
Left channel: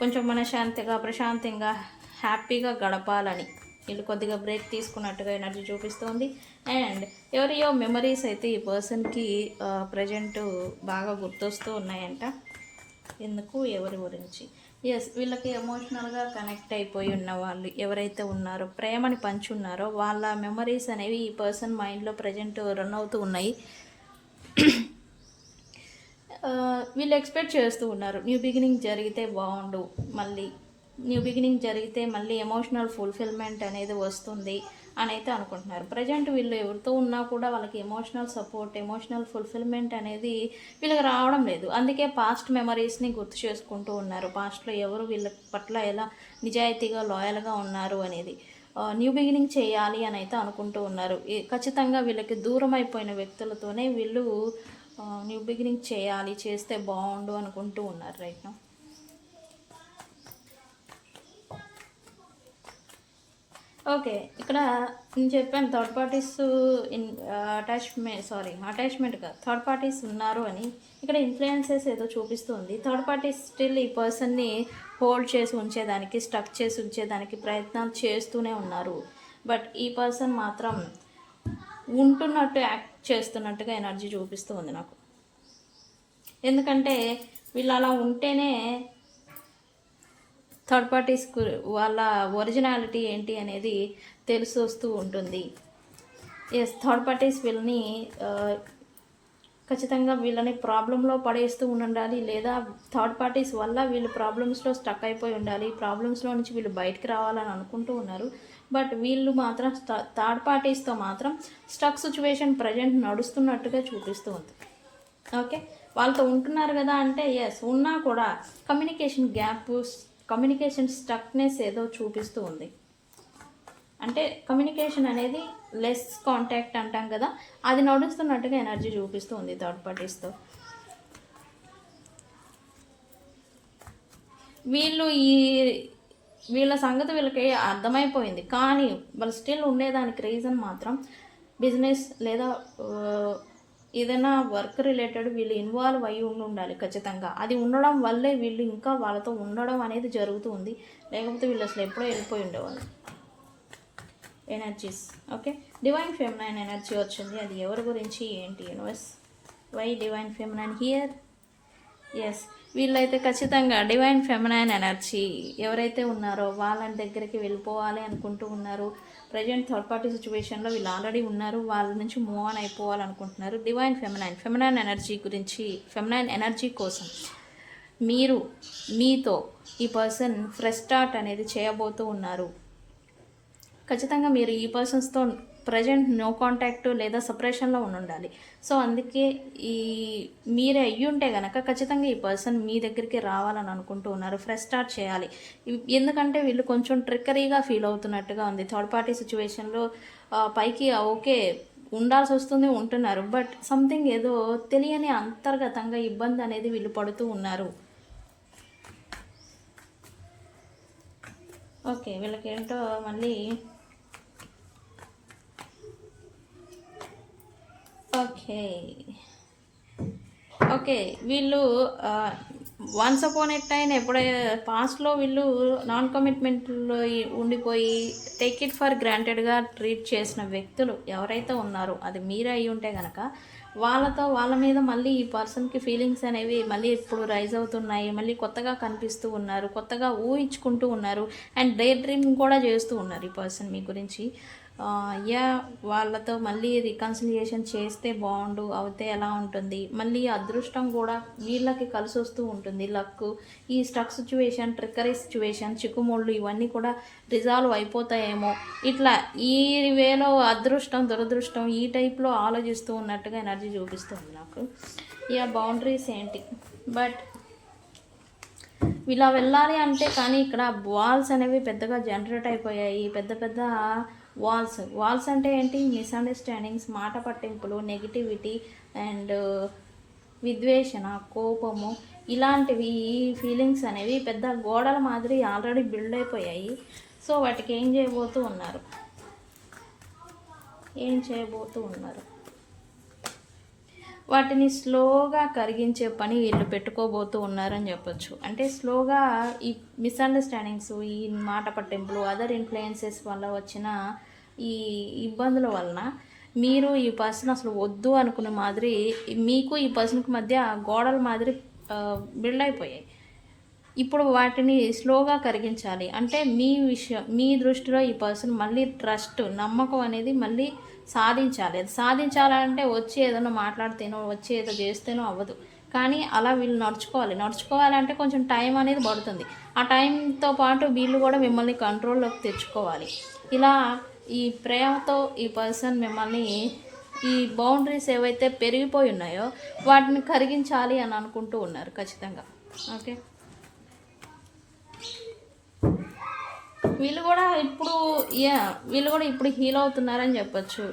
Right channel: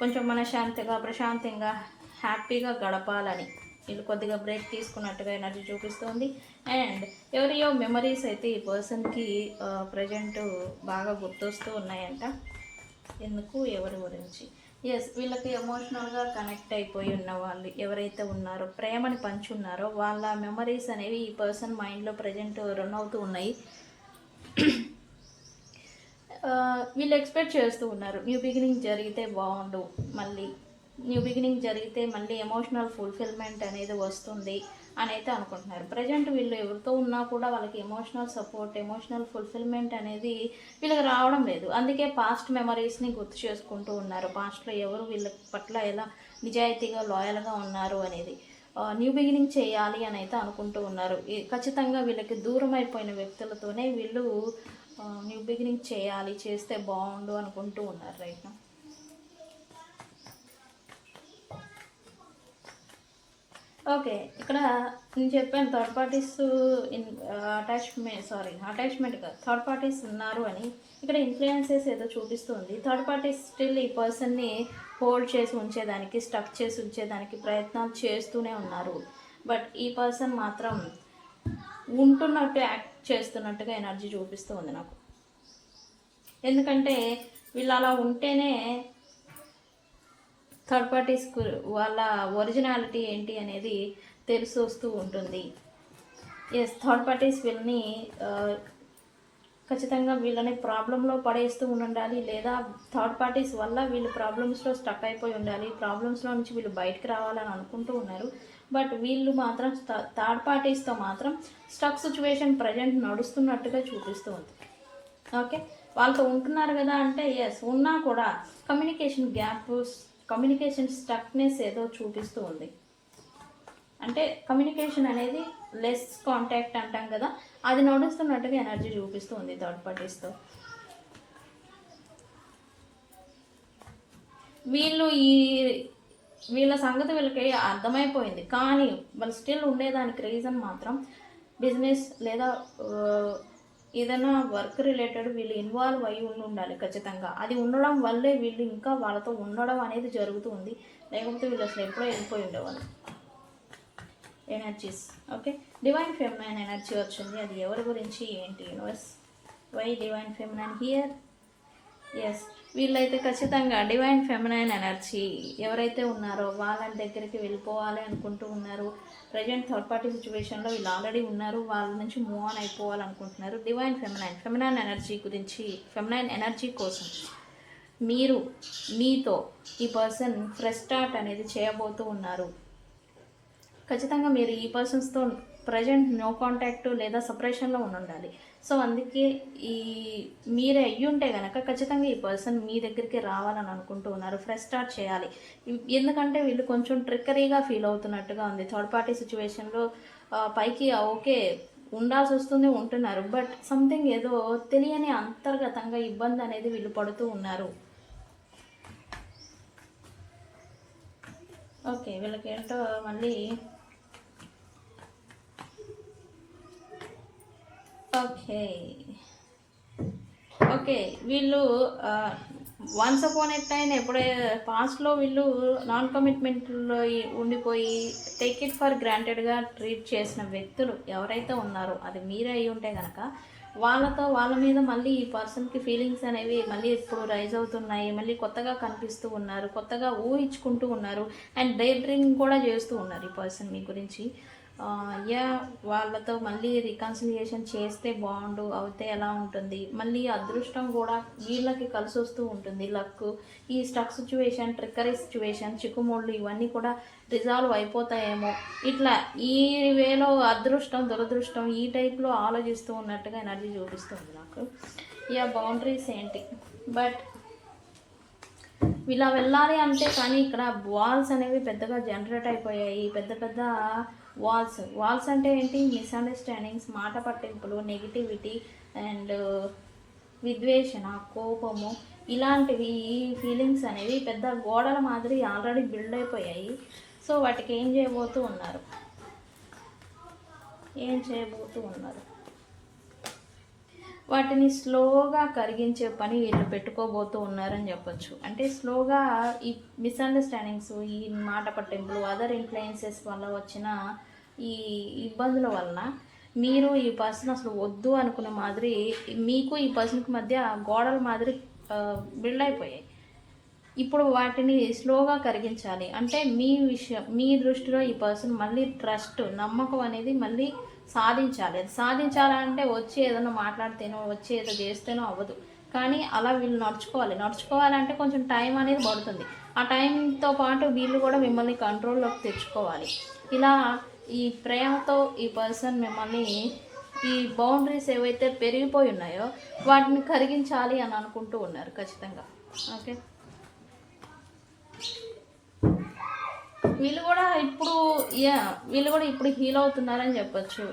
కొంచెం మనశ్శాంతిగా, ప్రశాంతంగా, హ్యాపీగా గడపాలని వీళ్ళు కొద్దిగా బ్రేక్ తీసుకున్నట్టుగా ఎనర్జీ చూపిస్తుంది. అండ్ ఎవరియో మెమరీస్ అయితే ఈ పర్సన్కి ప్రజెంట్ బాగా గుర్తొస్తూ ఉన్నాయంట. ఎందుకు, ఎవరి గురించి? ఎస్, వీళ్ళకి ఎమోషనల్గా కనెక్ట్ అయిపోయి ఉన్న వాళ్ళు ఎవరైతే ఉన్నారో, ప్రేమని పంచున్నారో, వాళ్ళ మెమరీస్ అనేవి ఈ పర్సన్ మైండ్లో ప్రజెంట్ రన్ అవుతూ ఉన్నాయి. వీళ్ళు ఎక్స్పెక్ట్ చేస్తూ ఉన్నారు న్యూ బిగినింగ్ జరిగితే బాగుండు, మళ్ళీ న్యూ బిగినింగ్ జరిగితే మళ్ళీ ఎమోషనల్ ఫుల్ఫిల్మెంట్ అనేది వస్తుంది అని అయితే అనుకుంటున్నారు. ప్రజెంట్ వీళ్ళు ఎవరితో ఉన్నా కూడా వాళ్ళకి ఎమోషనల్ సపోర్ట్, ఎమోషనల్ ఫుల్ఫిల్మెంట్ అనేది వీళ్ళకి రావడం లేదు. అందుకే పాస్ట్ మెమరీస్ని గుర్తు చేసుకుంటూ ఉన్నారు, పాస్ట్లో ఎవరు వీళ్ళ పట్ల ఎలా నిజాయితీగా, లాయల్గా ఉన్నారు అనేది. న్యూ బిగినింగ్ చేయాలి అని అయితే అనుకుంటూ ఉన్నారు. ఖచ్చితంగా వీళ్ళకి దూరం అయిపోయిన వ్యక్తులతోనే వీళ్ళు న్యూ బిగినింగ్ చేయాలి, చేస్తే బాగుండు అనుకుంటూ ఉన్నారు రైట్ నౌ. ఓకే, ఇక్కడ నేను చెప్పాను థర్డ్ పార్టీస్ అటాచ్మెంట్ కాదు, థర్డ్ పార్టీస్ ఉన్నారు అని. ఇక్కడ ఇన్ఫ్లుయెన్సెస్ ఏదో చూపిస్తుంది. థర్డ్ పార్టీస్ స్టిల్ ఈ పర్సన్ని హోల్డ్ చేసి ఉంచేదానికి, స్టక్ చేసి ఉంచేదానికి ప్రయత్నాలు చేస్తూనే ఉన్నారు. బట్ ఈ పర్సన్ మాత్రం ఉంటున్నట్టు యాక్ట్ చేస్తున్నట్టుగా ఎనర్జీ చూపిస్తూ ఉంది నాకు. ఎందుకంటే వీళ్ళు అలా ఉంటేనే థర్డ్ పార్టీస్కు వాళ్ళ ఒరిజినాలిటీ ఏంటి అనేది తెలిసి వస్తూ ఉంటుంది. ఎస్, థర్డ్ పార్టీస్ వీళ్ళని ఖచ్చితంగా వీళ్ళని ప్రాబ్లంలో పడేస్తూ ఉండాలి, లేదా థర్డ్ పార్టీస్ వల్ల వీళ్ళు ప్రాబ్లమ్స్లో స్టక్ అయిపోయి ఉండాలి, ప్రాబ్లమ్స్లో నుంచి వీళ్ళు బయటకు రావాలని అనుకుంటూ ఉన్నారు. బట్ వీళ్ళు మాత్రం థర్డ్ పార్టీస్తో మాత్రం స్టక్ సిచ్యువేషన్ ప్రజెంట్ నడుస్తున్నట్టుగా చూపిస్తూ ఉంది. ఓకే, వాళ్ళతో ఉంటున్నారు కదా అంటే ఎస్, ఉన్నా కూడా కమ్యూనికేషన్ గ్యాప్, కమ్యూనికేషన్ స్టక్నెస్ ఏదో చూపిస్తూ ఉంది. అంటే కమ్యూనికేషన్ అనేది లెస్ కాంటాక్ట్ అంటాం కదా, అది నడుస్తున్నట్టుగా ఎనర్జీ చూపిస్తూ ఉంది థర్డ్ పార్టీస్తో. వీళ్ళ సంగతి వీళ్ళకి అర్థమైపోయింది, కానీ వాళ్ళు స్టిల్ ఉండేదానికి రీజన్ మాత్రం బిజినెస్ లేదా ఏదైనా వర్క్ రిలేటెడ్ వీళ్ళు ఇన్వాల్వ్ అయ్యి ఉండాలి ఖచ్చితంగా. అది ఉండడం వల్లే వీళ్ళు ఇంకా వాళ్ళతో ఉండడం అనేది జరుగుతుంది, లేకపోతే వీళ్ళు అసలు ఎప్పుడో వెళ్ళిపోయి ఉండేవాళ్ళు. Energies okay, divine feminine energy వచ్చింది. అది ఎవరి గురించి, ఏంటి, universe why divine feminine here? Yes, వీళ్ళైతే ఖచ్చితంగా డివైన్ ఫెమినైన్ ఎనర్జీ ఎవరైతే ఉన్నారో వాళ్ళ దగ్గరికి వెళ్ళిపోవాలి అనుకుంటూ ఉన్నారు. ప్రజెంట్ థర్డ్ పార్టీ సిచ్యువేషన్లో వీళ్ళు ఆల్రెడీ ఉన్నారు, వాళ్ళ నుంచి మూవ్ ఆన్ అయిపోవాలనుకుంటున్నారు. డివైన్ ఫెమినైన్ ఎనర్జీ గురించి, ఫెమినైన్ ఎనర్జీ కోసం మీతో ఈ పర్సన్ ఫ్రెష్ స్టార్ట్ అనేది చేయబోతూ ఉన్నారు. ఖచ్చితంగా మీరు ఈ పర్సన్స్తో ప్రజెంట్ నో కాంటాక్ట్ లేదా సపరేషన్లో ఉండాలి. సో అందుకే మీరే అయ్యి ఉంటే కనుక ఖచ్చితంగా ఈ పర్సన్ మీ దగ్గరికి రావాలని అనుకుంటూ ఉన్నారు, ఫ్రెష్ స్టార్ట్ చేయాలి. ఎందుకంటే వీళ్ళు కొంచెం ట్రిక్కరీగా ఫీల్ అవుతున్నట్టుగా ఉంది థర్డ్ పార్టీ సిచ్యువేషన్లో. పైకి ఓకే ఉండాల్సి వస్తుంది, ఉంటున్నారు, బట్ సంథింగ్ ఏదో తెలియని అంతర్గతంగా ఇబ్బంది అనేది వీళ్ళు పడుతూ ఉన్నారు. ఓకే, వీళ్ళకి ఏంటో మళ్ళీ ఓకే వీళ్ళు వన్స్ అపాన్ ఎ టైం ఎప్పుడైతే పాస్ట్లో వీళ్ళు నాన్ కమిట్మెంట్లో ఉండిపోయి టేక్ ఇట్ ఫర్ గ్రాంటెడ్గా ట్రీట్ చేసిన వ్యక్తులు ఎవరైతే ఉన్నారో, అది మీరే అయి ఉంటే కనుక వాళ్ళ మీద మళ్ళీ ఈ పర్సన్కి ఫీలింగ్స్ అనేవి మళ్ళీ ఇప్పుడు రైజ్ అవుతున్నాయి, మళ్ళీ కొత్తగా కనిపిస్తూ ఉన్నారు, కొత్తగా ఊహించుకుంటూ ఉన్నారు, అండ్ డే డ్రీమింగ్ కూడా చేస్తూ ఉన్నారు ఈ పర్సన్ మీ గురించి. యా వాళ్ళతో మళ్ళీ రికన్సిలియేషన్ చేస్తే బాగుండు, అవుతే ఎలా ఉంటుంది, మళ్ళీ అదృష్టం కూడా వీళ్ళకి కలిసి వస్తూ ఉంటుంది. లక్, ఈ స్టక్ సిచ్యువేషన్, ట్రిక్కరీ సిచ్యువేషన్, చిక్కుముళ్ళు ఇవన్నీ కూడా రిజాల్వ్ అయిపోతాయేమో, ఇట్లా ఈ వేలో అదృష్టం దురదృష్టం ఈ టైప్లో ఆలోచిస్తూ ఉన్నట్టుగా ఎనర్జీ చూపిస్తుంది నాకు. యా బౌండరీస్ ఏంటి, బట్ ఇలా వెళ్ళాలి అంటే కానీ ఇక్కడ వాల్స్ అనేవి పెద్దగా జనరేట్ అయిపోయాయి. పెద్ద పెద్ద వాల్స్ అంటే ఏంటి, మిస్అండర్స్టాండింగ్స్, మాట పట్టింపులు, నెగిటివిటీ అండ్ విద్వేషణ, కోపము, ఇలాంటివి ఈ ఫీలింగ్స్ అనేవి పెద్ద గోడల మాదిరి ఆల్రెడీ బిల్డ్ అయిపోయాయి. సో వాటికి ఏం చేయబోతూ ఉన్నారు, వాటిని స్లోగా కరిగించే పని వీళ్ళు పెట్టుకోబోతూ ఉన్నారని చెప్పొచ్చు. అంటే స్లోగా ఈ మిస్అండర్స్టాండింగ్స్, ఈ మాట పట్టింపులు, అదర్ ఇన్ఫ్లుయెన్సెస్ వల్ల వచ్చిన ఈ ఇబ్బందుల వలన మీరు ఈ పర్సన్ అసలు వద్దు అనుకునే మాదిరి మీకు ఈ పర్సన్కి మధ్య గోడల మాదిరి బిల్డ్ అయిపోయాయి. ఇప్పుడు వాటిని స్లోగా కరిగించాలి అంటే మీ దృష్టిలో ఈ పర్సన్ మళ్ళీ ట్రస్ట్, నమ్మకం అనేది మళ్ళీ సాధించాలి. అది సాధించాలంటే వచ్చి ఏదైనా మాట్లాడితేనో వచ్చి ఏదో చేస్తేనో అవ్వదు. కానీ అలా వీళ్ళు నడుచుకోవాలంటే కొంచెం టైం అనేది పడుతుంది. ఆ టైంతో పాటు వీళ్ళు కూడా మిమ్మల్ని కంట్రోల్లోకి తెచ్చుకోవాలి. ఇలా ఈ ప్రేమతో ఈ పర్సన్ మిమ్మల్ని, ఈ బౌండరీస్ ఏవైతే పెరిగిపోయి ఉన్నాయో వాటిని కరిగించాలి అని అనుకుంటూ ఉన్నారు ఖచ్చితంగా. ఓకే, వీళ్ళు కూడా ఇప్పుడు హీల్ అవుతున్నారని చెప్పచ్చు.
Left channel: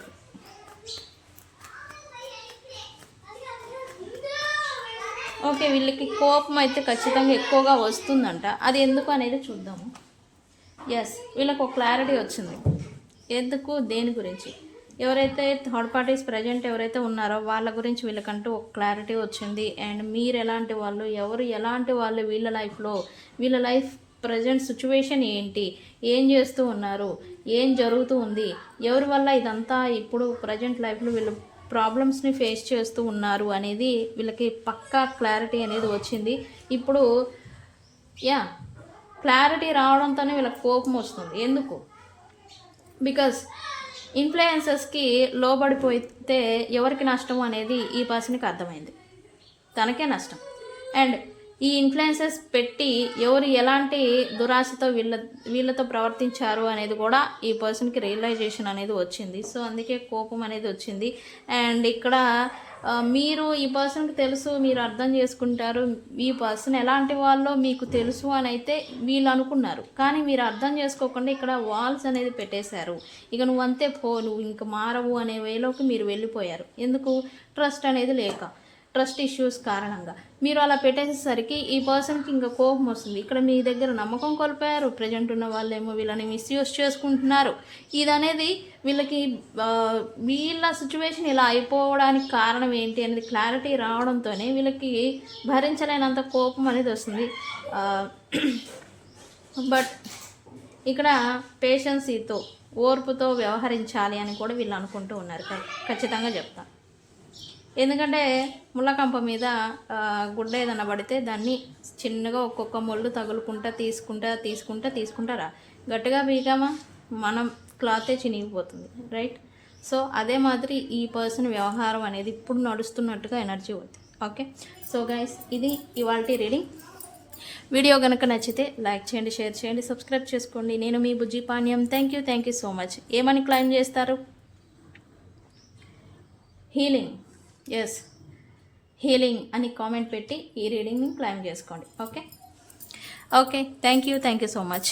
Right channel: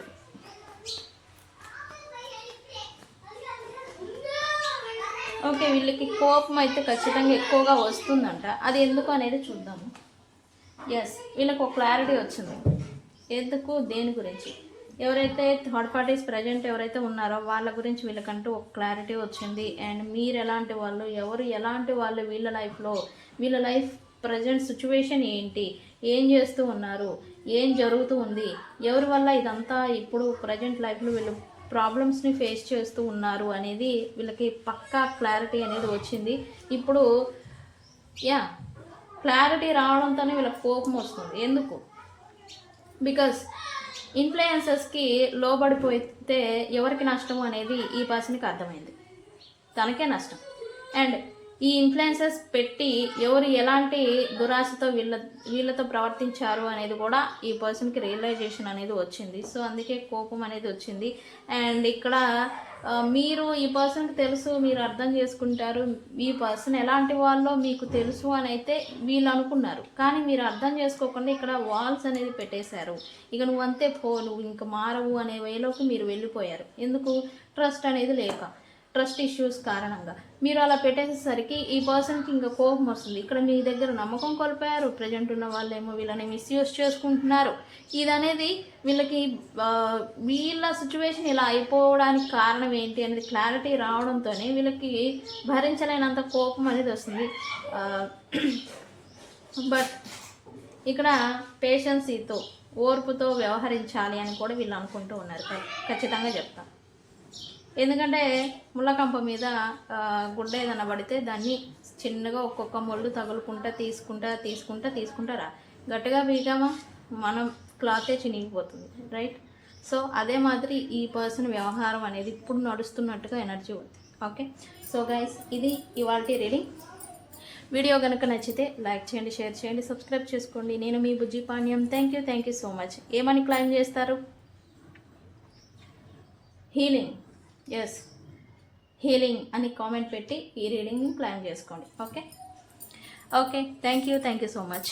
ఓకే, వీళ్ళకి కోపం అయితే ఖచ్చితంగా ఎక్కువగా వస్తుందంట. అది ఎందుకు అనేది చూద్దాము. ఎస్, వీళ్ళకి ఒక క్లారిటీ వచ్చింది. ఎందుకు, దేని గురించి, ఎవరైతే థర్డ్ పార్టీస్ ప్రజెంట్ ఎవరైతే ఉన్నారో వాళ్ళ గురించి వీళ్ళకంటూ ఒక క్లారిటీ వచ్చింది. అండ్ మీరు ఎలాంటి వాళ్ళు, ఎవరు ఎలాంటి వాళ్ళు వీళ్ళ లైఫ్ ప్రజెంట్ సిచ్యువేషన్ ఏంటి, ఏం చేస్తూ ఉన్నారు, ఏం జరుగుతూ ఉంది, ఎవరి వల్ల ఇదంతా ఇప్పుడు ప్రజెంట్ లైఫ్లో వీళ్ళు ప్రాబ్లమ్స్ని ఫేస్ చేస్తూ ఉన్నారు అనేది వీళ్ళకి పక్కా క్లారిటీ అనేది వచ్చింది. ఇప్పుడు క్లారిటీ రావడంతోనే వీళ్ళకి కోపం వస్తుంది. ఎందుకు, బికాస్ ఇన్ఫ్లుయెన్సెస్కి లోబడిపోతే ఎవరికి నష్టం అనేది ఈ పర్సన్కి అర్థమైంది, తనకే నష్టం. అండ్ ఈ ఇన్ఫ్లుయెన్సెస్ పెట్టి ఎవరు ఎలాంటి దురాశతో వీళ్ళతో ప్రవర్తించారు అనేది కూడా ఈ పర్సన్కి రియలైజేషన్ అనేది వచ్చింది. సో అందుకే కోపం అనేది వచ్చింది. అండ్ ఇక్కడ మీరు ఈ పర్సన్కి తెలుసు, మీరు అర్థం చేసుకుంటారు, ఈ పర్సన్ ఎలాంటి వాళ్ళో మీకు తెలుసు అని అయితే వీళ్ళు అనుకున్నారు. కానీ మీరు అర్థం చేసుకోకుండా ఇక్కడ వాల్స్ అనేది పెట్టేశారు. ఇక నువ్వంతే నువ్వు ఇంక మారవు అనే వేలోకి మీరు వెళ్ళిపోయారు. ఎందుకు, ట్రస్ట్ అనేది లేక, ట్రస్ట్ ఇష్యూస్ కారణంగా మీరు అలా పెట్టేసేసరికి ఈ పర్సన్కి ఇంకా కోపం వస్తుంది. ఇక్కడ మీ దగ్గర నమ్మకం కోల్పోయారు. ప్రజెంట్ ఉన్న వాళ్ళేమో వీళ్ళని మిస్యూజ్ చేసుకుంటున్నారు. ఇదనేది వీళ్ళకి వీళ్ళ సిచ్యువేషన్ ఇలా అయిపోవడానికి కారణం ఏంటి అనేది క్లారిటీ రావడంతోనే వీళ్ళకి భరించలేనంత కోపం అనేది వస్తుంది. బట్ ఇక్కడ పేషెన్సీతో, ఓర్పుతో వ్యవహరించాలి అని కూడా వీళ్ళు అనుకుంటూ ఉన్నారు. ఖచ్చితంగా చెప్తాను. ఎందుకంటే ముళ్ళకంప మీద గుడ్డ ఏదైనా పడితే దాన్ని చిన్నగా ఒక్కొక్క ముళ్ళు తగులుకుంటా తీసుకుంటారా, గట్టిగా బీగామా మనం క్లాతే చినిగిపోతుంది, రైట్? సో అదే మాదిరి ఈ పర్సన్ వ్యవహారం అనేది ఇప్పుడు నడుస్తున్నట్టుగా ఎనర్జీ ఉంది. ఓకే, సో గైస్, ఇది ఇవాల్టి రీడింగ్. వీడియో కనుక నచ్చితే లైక్ చేయండి, షేర్ చేయండి, సబ్స్క్రైబ్ చేసుకోండి. నేను మీ Bujji Panyam. Thank you so much. ఏమని క్లైమ్ చేస్తారు? హీలింగ్. ఎస్, హీలింగ్ అని కామెంట్ పెట్టి ఈ రీడింగ్ని క్లైమ్ చేసుకోండి. Okay, thank you so much.